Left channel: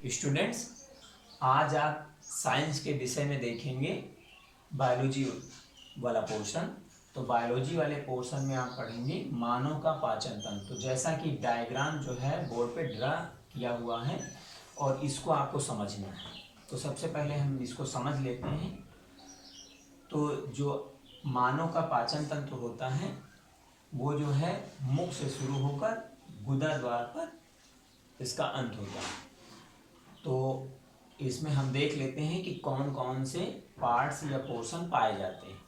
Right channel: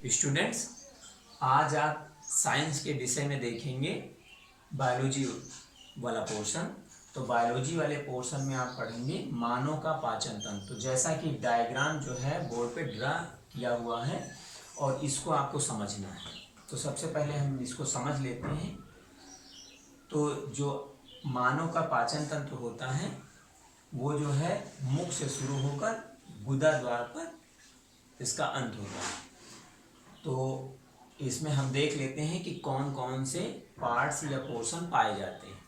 Students, आज आप science के विषय में देखेंगे बायोलॉजी वाला पोर्शन। तो बायोलॉजी वाले पोर्शन में आप पढ़ेंगे मानव का पाचन तंत्र। तो जैसा कि डायग्राम जो है बोर्ड पे ड्रा किया हुआ है और इसको आपको समझना है। तो सबसे पहले हम इसको समझ लेते हैं। तो जो मानव का पाचन तंत्र होता है वो जो है मुख से शुरू होकर गुदा द्वार पर इसका अंत होता है। तो इसमें हम देख लेते हैं कि कौन कौन से पार्ट्स या पोर्शन पाए जाते हैं।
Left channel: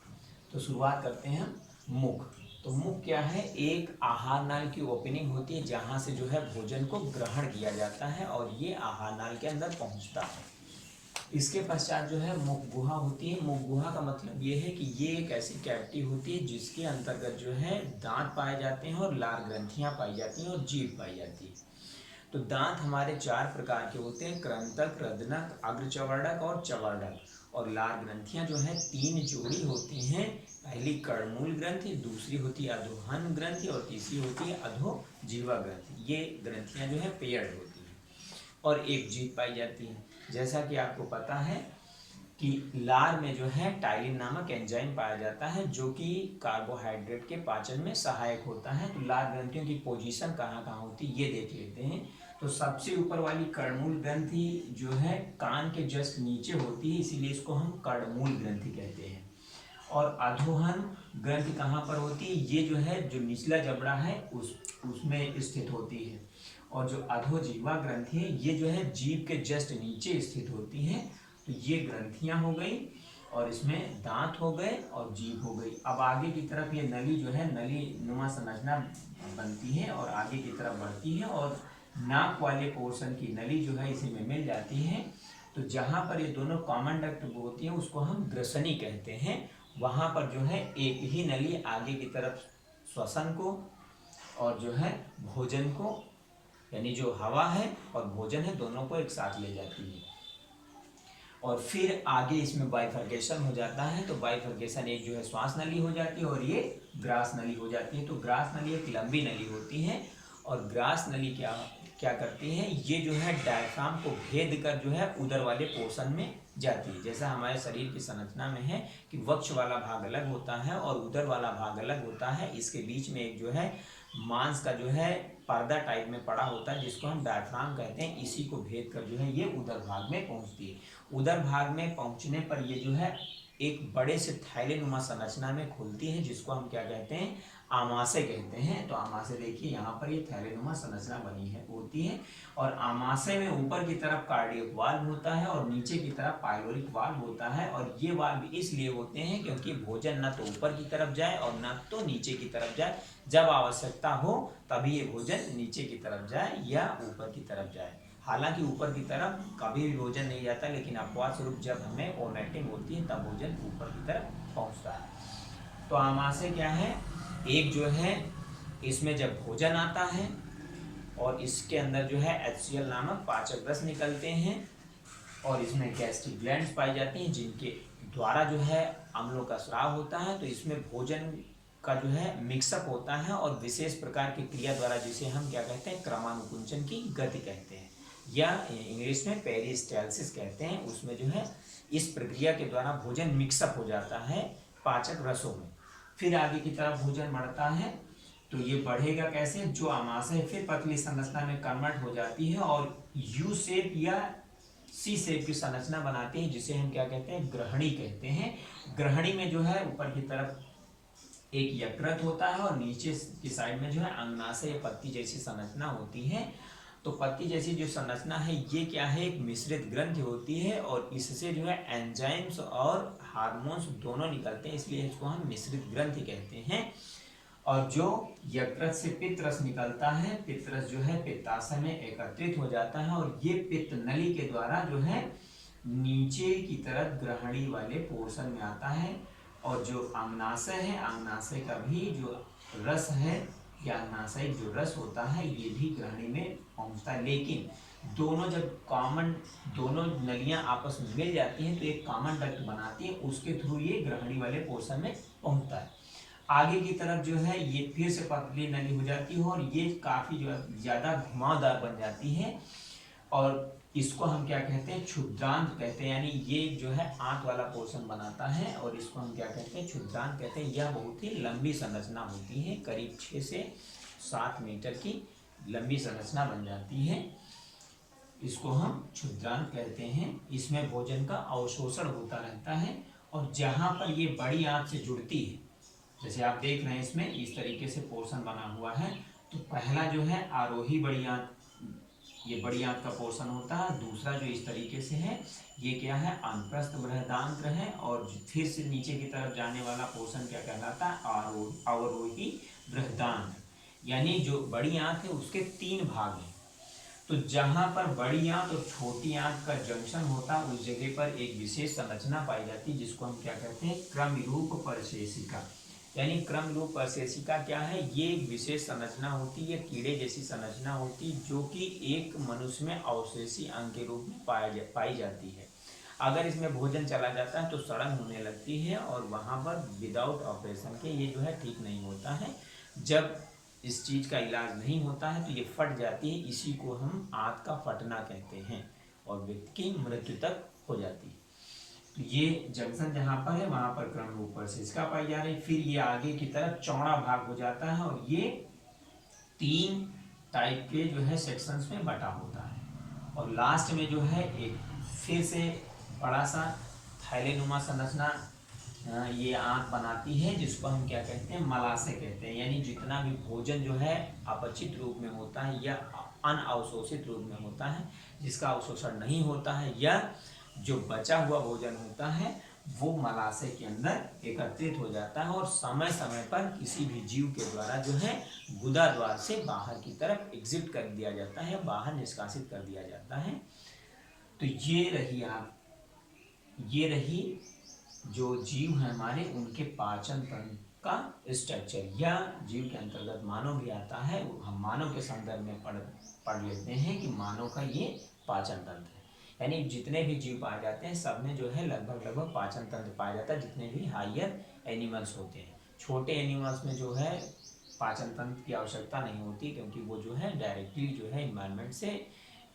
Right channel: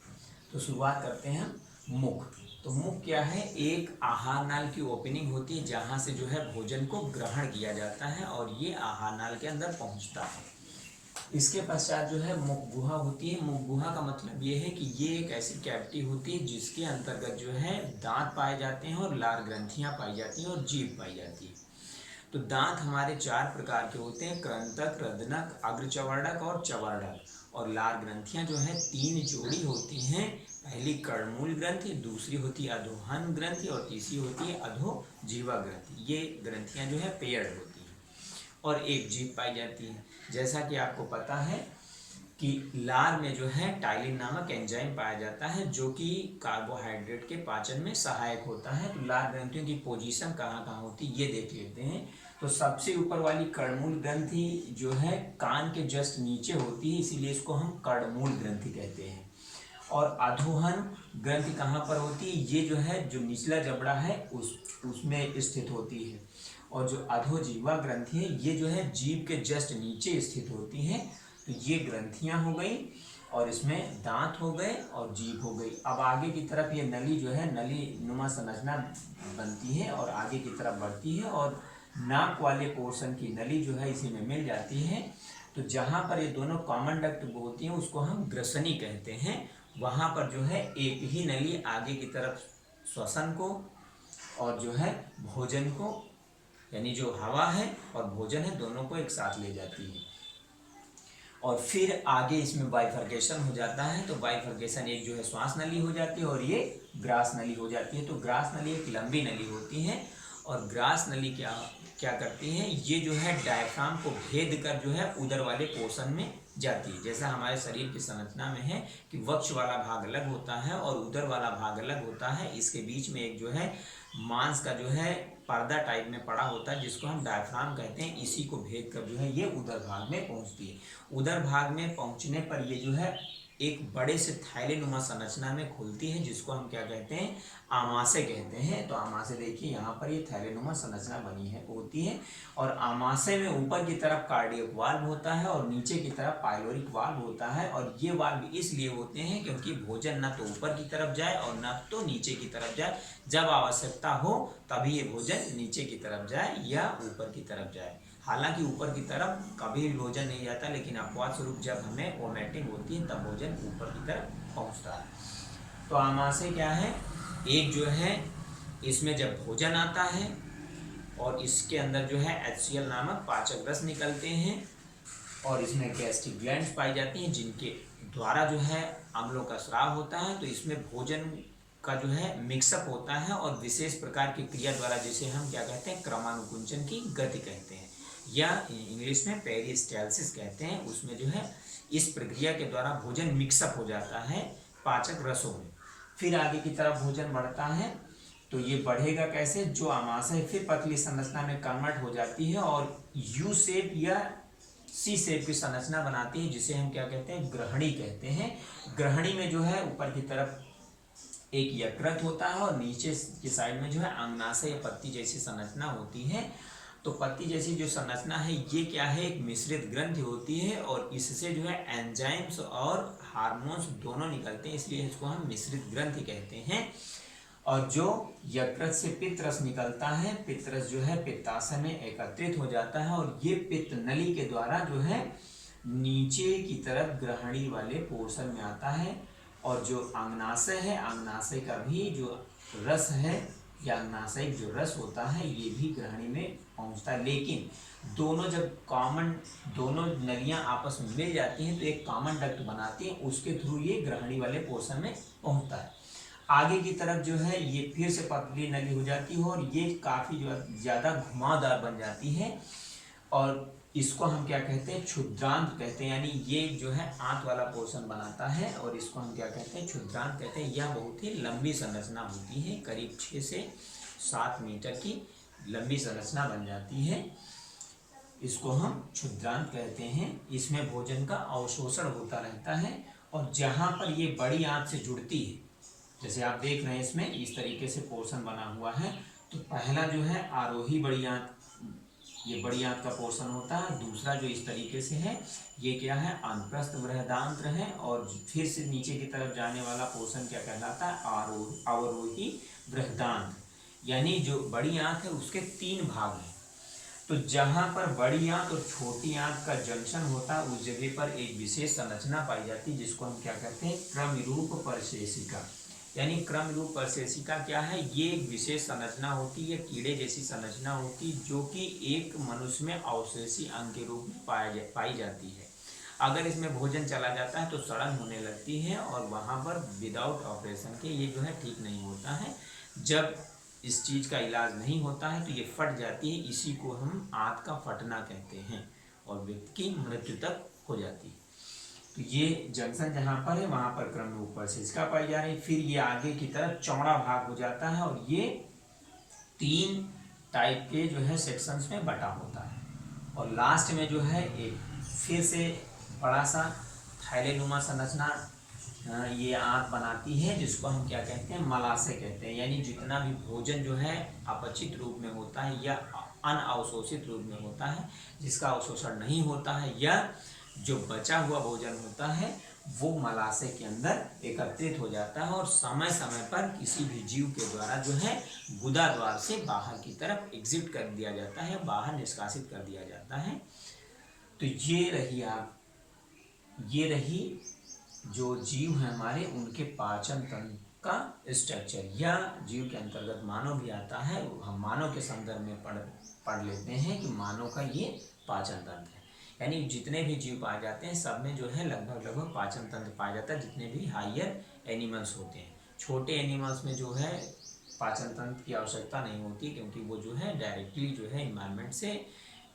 तो शुरुआत करते हैं हम मुख। तो मुख क्या है? एक आहार नाल की ओपनिंग होती है जहाँ से जो है भोजन को ग्रहण किया जाता है और ये आहार नाल के अंदर पहुँचता है। इसके पश्चात जो है मुख गुहा होती है। मुख गुहा का मतलब ये है कि ये एक ऐसी कैविटी होती है जिसके अंतर्गत जो है दांत पाए जाते हैं और लार ग्रंथियाँ पाई जाती हैं और जीभ पाई जाती है। तो दांत हमारे चार प्रकार के होते हैं: कृंतक, रदनक, अग्रचवर्णक और चवर्णक। और लार ग्रंथियां जो है तीन जोड़ी होती हैं। पहली कर्णमूल ग्रंथि, दूसरी होती है अधोहन ग्रंथि और तीसरी होती है अधोजीवा ग्रंथि। ये ग्रंथियां जो है पेयर्ड होती हैं और एक जीभ पाई जाती है। जैसा कि आपको पता है कि लार में जो है टाइलिन नामक एंजाइम पाया जाता है जो कि कार्बोहाइड्रेट के पाचन में सहायक होता है। तो लार ग्रंथियों की पोजीशन कहाँ कहाँ होती है ये देख लेते हैं। तो सबसे ऊपर वाली कर्णमूल ग्रंथि जो है कान के जस्ट नीचे होती है, इसीलिए इसको हम कर्णमूल ग्रंथि कहते हैं। और अधोहन ग्रंथि कहाँ पर होती है? ये जो है जो निचला जबड़ा है उसमें स्थित होती है। और जो अधोजीवा ग्रंथि है ये जो है जीभ के जस्ट नीचे स्थित होती है। तो ये ग्रंथियां हो गई और इसमें दांत हो गए और जीभ हो गई। अब आगे की तरफ ये नली जो है नली नुमा संरचना बनती है और आगे की तरफ बढ़ती है और नाक वाले पोर्शन की नली जो है इसी में मिल जाती है। तो जहाँ पर ये दोनों कॉमन डक्ट होती हैं उसको हम ग्रसनी कहते हैं। वहाँ पर जो है एक ही नली आगे की तरफ श्वसन को और जो है भोजन को, यानी जो हवा है और भोजन है दोनों को एक साथ ले जाती है। और फिर आगे इसमें बाइफर्केशन हो जाता है। तो बाइफर्केशन एक जो है श्वास नली हो जाती है और ये ग्रास नली हो जाती है। तो ग्रास नली एक लंबी नली होती है और ग्रास नली क्या क्या करती है? ये जो है डायफ्राम को भेद कर जो है उदर वाले पोर्शन में जाती है। जैसा हमारे शरीर की संरचना में है कि वक्ष वाला भाग अलग होता है और उदर वाला भाग अलग होता है। इसके बीच में एक जो है मांस का जो है पर्दा टाइप में पड़ा होता है जिसको हम डायफ्राम कहते हैं। इसी को भेद कर जो है ये उदर भाग में पहुंचती है। उदर भाग में पहुंचने पर ये जो है एक बड़े से थैलेनुमा संरचना में खुलती है जिसको हम क्या कहते हैं? आमाशय कहते हैं। तो आमाशय देखिए यहाँ पर ये थैलेनुमा संरचना बनी है होती है और आमाशय में ऊपर की तरफ कार्डियक वाल्व होता है और नीचे की तरफ पाइलोरिक वाल्व होता है। और ये वाल्व इसलिए होते हैं क्योंकि भोजन न तो ऊपर की तरफ जाए और न तो नीचे की तरफ जाए। जब आवश्यकता हो तभी ये भोजन नीचे की तरफ जाए या ऊपर की तरफ जाए। हालांकि ऊपर की तरफ कभी भी भोजन नहीं जाता, लेकिन अपवाद स्वरूप जब हमें वोमिटिंग होती है तब भोजन ऊपर की तरफ पहुंचता है। तो आमाशय क्या है? एक जो है इसमें जब भोजन आता है और इसके अंदर जो है HCl नामक पाचक रस निकलते हैं और इसमें गैस्ट्रिक ग्लैंड्स पाई जाती हैं जिनके द्वारा जो है अम्लों का स्राव होता है। तो इसमें भोजन का जो है मिक्सअप होता है और विशेष प्रकार की क्रिया द्वारा जिसे हम क्या कहते हैं? क्रमानुकुंचन की गति कहते हैं या इंग्लिश में पेरिस्टालसिस कहते हैं। उसमें जो है इस प्रक्रिया के द्वारा भोजन मिक्सअप हो जाता है पाचक रसों में। फिर आगे की तरफ भोजन बढ़ता है। तो ये बढ़ेगा कैसे? जो आमाशय फिर पतली संरचना में कन्वर्ट हो जाती है और यू शेप या सी शेप की संरचना बनाती है जिसे हम क्या कहते हैं? ग्रहणी कहते हैं। ग्रहणी में जो है ऊपर की तरफ एक यकृत होता है और नीचे की साइड में जो है अंगनाशय या पत्ती जैसी संरचना होती है। तो पत्ती जैसी जो संरचना है ये क्या है? एक मिश्रित ग्रंथि होती है और इससे जो है एंजाइम्स और हार्मोन्स दोनों निकलते हैं, इसलिए इसको हम मिश्रित ग्रंथि कहते हैं। और जो यकृत से पित्त रस निकलता है, पित्त रस जो है पित्ताशय में एकत्रित हो जाता है और ये पित्त नली के द्वारा जो है नीचे की तरफ ग्रहणी वाले पोर्शन में आता है। और जो अंगनाशय है, अंगनाशय का भी जो रस है या अंगनाशयिक जो रस होता है ये भी ग्रहणी में पहुंचता है। लेकिन दोनों जब दोनों नलियां आपस में मिल जाती हैं तो एक कॉमन डक्ट बनाती हैं, उसके थ्रू ये ग्रहणी वाले पोर्शन में पहुंचता है। आगे की तरफ जो है ये फिर से पतली नली हो जाती है और ये काफ़ी ज़्यादा घुमावदार बन जाती है और इसको हम क्या कहते हैं, क्षुद्रांत कहते हैं। यानी ये जो है आंत वाला पोर्शन बनाता है और इसको हम क्या कहते हैं, क्षुद्रांत कहते हैं। यह बहुत ही लंबी संरचना होती है, करीब 6 से 7 मीटर की लंबी संरचना बन जाती है। इसको हम क्षुद्रांत कहते हैं। इसमें भोजन का अवशोषण होता रहता है और जहाँ पर ये बड़ी आंत से जुड़ती है, जैसे आप देख रहे हैं इसमें इस तरीके से पोर्शन बना हुआ है। तो पहला जो है आरोही बड़ी आंत, ये बड़ी आंत का पोर्शन होता है। दूसरा जो इस तरीके से है ये क्या है, अनप्रस्थ बृहदांत्र है। और फिर से नीचे की तरफ जाने वाला पोर्शन क्या कहलाता है, अवरोही बृहदांत्र। यानी जो बड़ी आंत है उसके 3 भाग हैं। तो जहाँ पर बड़ी आंत और छोटी आंत का जंक्शन होता है उस जगह पर एक विशेष संरचना पाई जाती है जिसको हम क्या कहते हैं, क्रमरूप परशेषिका। यानी क्रमरूप परशेषिका क्या है, ये एक विशेष संरचना होती है, कीड़े जैसी संरचना होती है जो कि एक मनुष्य में अवशेषी अंग के रूप में पाई जाती है। अगर इसमें भोजन चला जाता है तो सड़न होने लगती है और वहाँ पर विदाउट ऑपरेशन के ये जो है ठीक नहीं होता है। जब इस चीज़ का इलाज नहीं होता है तो ये फट जाती है, इसी को हम आंत का फटना कहते हैं और व्यक्ति की मृत्यु तक हो जाती है। तो ये जंक्शन जहाँ पर है वहाँ पर क्रमरूप परशेषिका पाई जा रही है। फिर ये आगे की तरफ चौड़ा भाग हो जाता है और ये 3 टाइप के जो है सेक्शंस में बटा होता है। और लास्ट में जो है एक फिर से बड़ा सा थैलेनुमा संरचना ये आंत बनाती है जिसको हम क्या कहते हैं, मलाशय कहते हैं। यानी जितना भी भोजन जो है अपचित रूप में होता है या अनअवशोषित रूप में होता है, जिसका अवशोषण नहीं होता है या जो बचा हुआ भोजन होता है वो मलाशय के अंदर एकत्रित हो जाता है और समय समय पर किसी भी जीव के द्वारा जो है गुदा द्वार से बाहर की तरफ एग्जिट कर दिया जाता है, बाहर निष्कासित कर दिया जाता है। तो ये रही जो जीव हैं हमारे उनके पाचन तंत्र का स्ट्रक्चर। या जीव के अंतर्गत मानव भी आता है, हम मानव के संदर्भ में पढ़ लेते हैं कि मानव का ये पाचन तंत्र है। यानी जितने भी जीव पाए जाते हैं सब में जो है लगभग पाचन तंत्र पाया जाता है, जितने भी हायर एनिमल्स होते हैं। छोटे एनिमल्स में जो है पाचन तंत्र की आवश्यकता नहीं होती क्योंकि वो जो है डायरेक्टली जो है इन्वायरमेंट से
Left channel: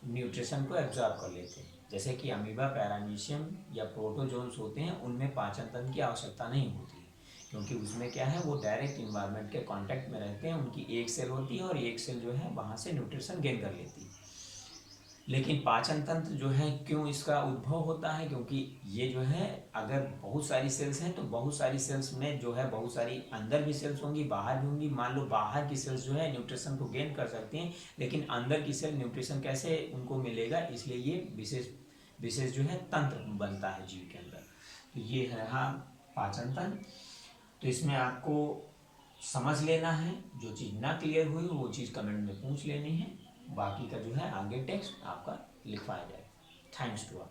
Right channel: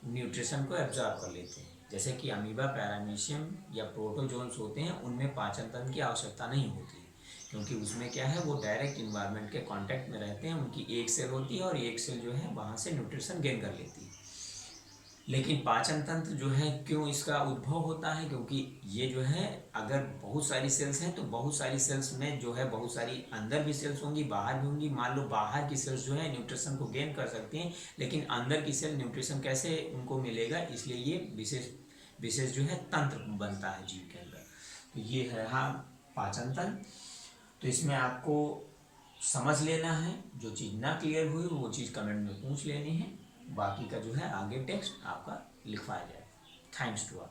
न्यूट्रिशन को एब्जॉर्ब कर लेते हैं। जैसे कि अमीबा, पैरामीशियम या प्रोटोजोन्स होते हैं उनमें पाचन तंत्र की आवश्यकता नहीं होती क्योंकि उसमें क्या है, वो डायरेक्ट इन्वायरमेंट के कांटेक्ट में रहते हैं। उनकी एक सेल होती है और एक सेल जो है वहाँ से न्यूट्रिशन गेन कर लेती है। लेकिन पाचन तंत्र जो है क्यों इसका उद्भव होता है, क्योंकि ये जो है अगर बहुत सारी सेल्स हैं तो बहुत सारी सेल्स में जो है बहुत सारी अंदर भी सेल्स होंगी, बाहर भी होंगी। मान लो बाहर की सेल्स जो है न्यूट्रिशन को गेन कर सकती हैं लेकिन अंदर की सेल न्यूट्रिशन कैसे उनको मिलेगा, इसलिए ये विशेष जो है तंत्र बनता है जीव के अंदर। तो ये है हाँ पाचन तंत्र। तो इसमें आपको समझ लेना है, जो चीज़ ना क्लियर हुई वो चीज़ कमेंट में पूछ लेनी है, बाकी का जो है आगे टेक्स्ट आपका लिखवाया जाएगा। Thanks to all.